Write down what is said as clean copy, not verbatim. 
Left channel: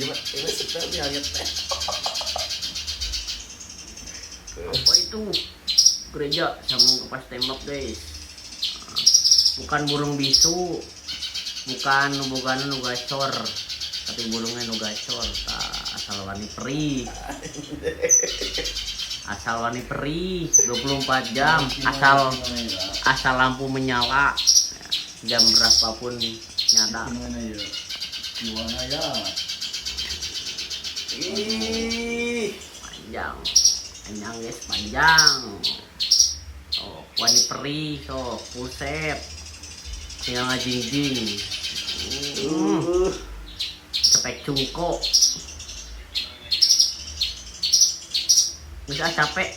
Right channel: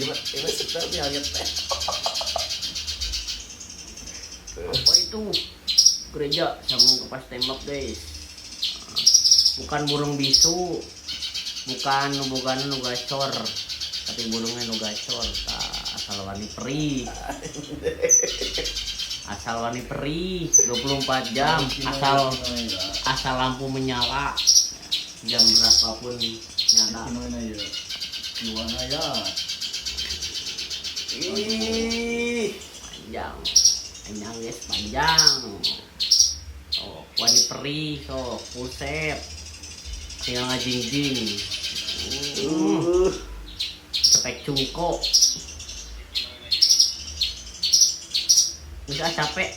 Ini seperti hanya teh. Apa itu? Gereja sama kepas tembak guys. Bukan burung bisu, bukan nu gacor, tapi burungnya nu gacor. Asal wani perih. Asal wani perih 24 jam, asal lampu menyala. Jam berapapun nyala. Gimana ya? Gimana ya? Panjang. Panjang guys, panjang. Oh, wani perih, so pusep. Tinggal ngajingjing. Cepek cungko. Bisa capek.